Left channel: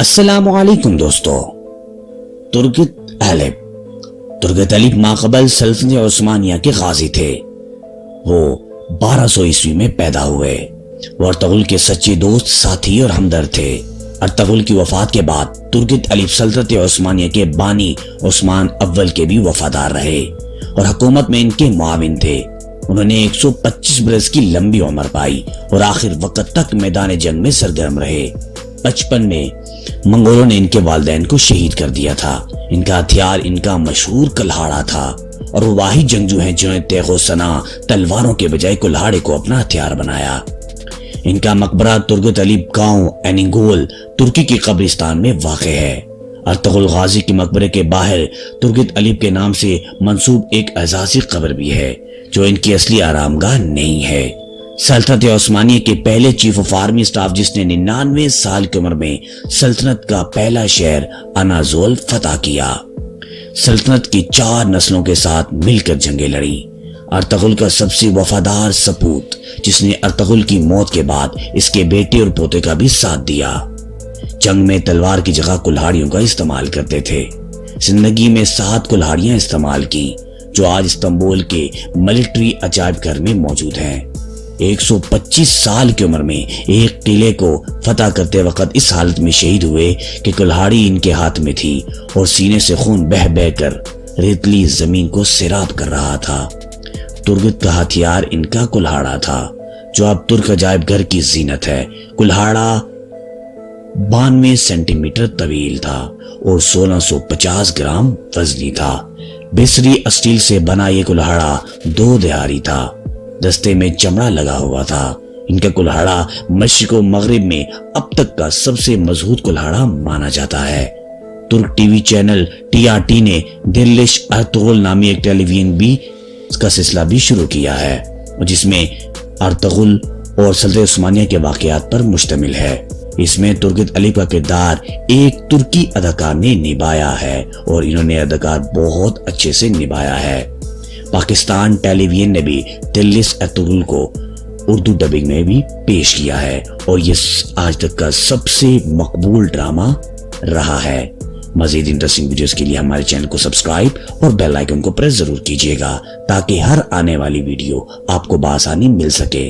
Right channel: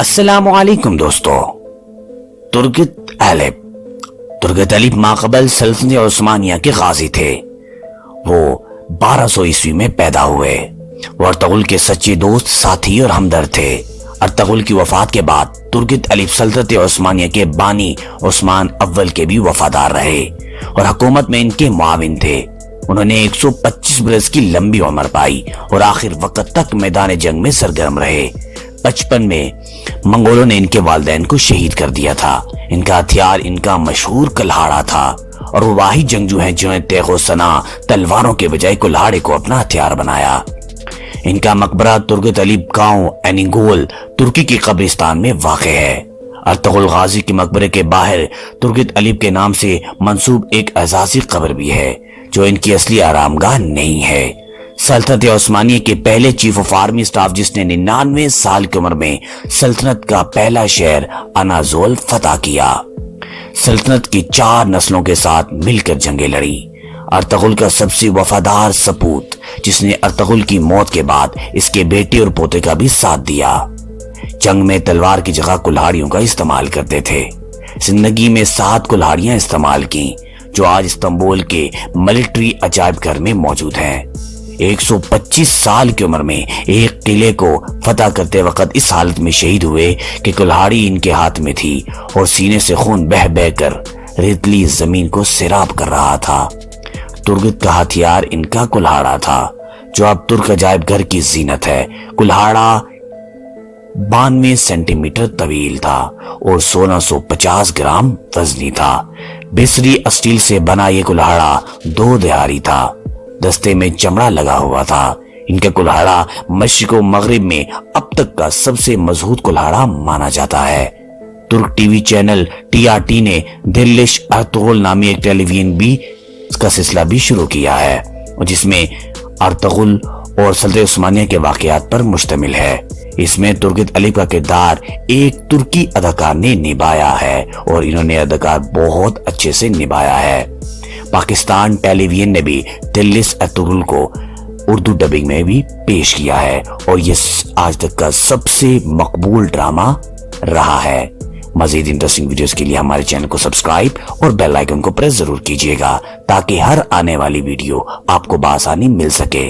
السلام علیکم دوستو. ترگت علیب ماقبل سلطنت عثمانیہ کے غازی تھے. وہ 1200 عیسوی میں پیدا ہوئے. وہ ارطغرل کے سچے دوست، ساتھی اور ہمدرد تھے. ارطغرل کی وفات کے بعد ترگت علیب سلطنت عثمانیہ کے بانی عثمان اول کے بھی وفادار رہے اور حکومت میں ان کے معاون تھے. انہوں نے 125 برس کی لمبی عمر پائی اور آخر وقت تک میدان جنگ میں سرگرم رہے. 55 میں منگولوں نے ان کے والدین کو شہید کر دیا تھا. ان کا ہتھیار ان کا مشہور کلہاڑا تھا اور وہ واحد جنگجو ہیں جنہوں نے تیغ و سنا تلواروں کے بجائے کلہاڑے کو اپنا ہتھیار بنایا. ان کا مقبرہ ترگت علیب گاؤں اینیگول ترکی کی قبرستان میں واقع ہے. ارطغرل غازی کے مقبرے کے باہر ترگت علیب کے نام سے منسوب ایک اعزازی قبر بھی ہے جو ان کی اصلی آرام گاہ نہیں ہے. سلطنت عثمانیہ کے پہلے چیف آف آرمی سٹاف جس نے 99 سال کی عمر میں سلطنت کا پہلا شہر انازول فتح کیا. سلطنت کی 4 نسلوں کے ساتھ مل کر جنگیں لڑی. ارطغرل کا سب سے وفادار سپوت جس نے ارطغرل کی موت کے بعد اس کے بیٹے اور پوتے کا بھی ساتھ دیا. جنگ میں تلوار کی جگہ کلہاڑیوں کا استعمال کرتے تھے. زندگی میں 7 کلہاڑیاں استعمال کی جو آج استنبول کے ملٹری عجائب گھر میں موجود ہیں. 125 سال کی عمر میں ایک قلعے کو فتح کرتے وقت اس حالت میں شہید ہوئے کہ کلہاڑی ان کے ہاتھ میں تھی اور سینے سے خون بہہ بہہ کر ریتلی زمین کو سیراب کر رہا تھا. ترگت کا ہتھیار ان کا کلہاڑا تھا جو اب ترک عجائب گھر کی زینت ہے. کلہاڑا 92 سینٹی میٹر طویل تھا اور 1650 گرام وزنی تھا. بسری اسٹیل سے بنا یہ کلہاڑا 2 دھاری تھا. دستے میں چمڑا لگا ہوا تھا. ان کا کلہاڑا مشرق و مغرب میں اب تک کا سب سے مضبوط کلہاڑا مانا جاتا ہے. ترک ٹی وی چینل TRT نے دلش ارطغرل نامی ایک ٹیلی ویژن بھی کا سلسلہ بھی شروع کیا ہے جس میں ارطغرل اور سلطنت عثمانیہ کے واقعات پر مشتمل ہے. اس میں ترگت علیب کا کردار ایک ترکی اداکار نے نبھایا ہے اور انہوں نے اداکار بہت اچھے سے نبھایا ہے. پاکستان ٹیلی ویژن نے بھی دلش ارطغرل کو اردو ڈبنگ میں بھی پیش کیا ہے اور یہ آج تک کا سب سے مقبول ڈرامہ رہا ہے. مزید انٹرسٹنگ ویڈیوز کے لیے ہمارے چینل کو سبسکرائب اور بیل آئیکن کو پریس ضرور کیجیے گا تاکہ ہر آنے والی ویڈیو آپ کو بآسانی مل سکے.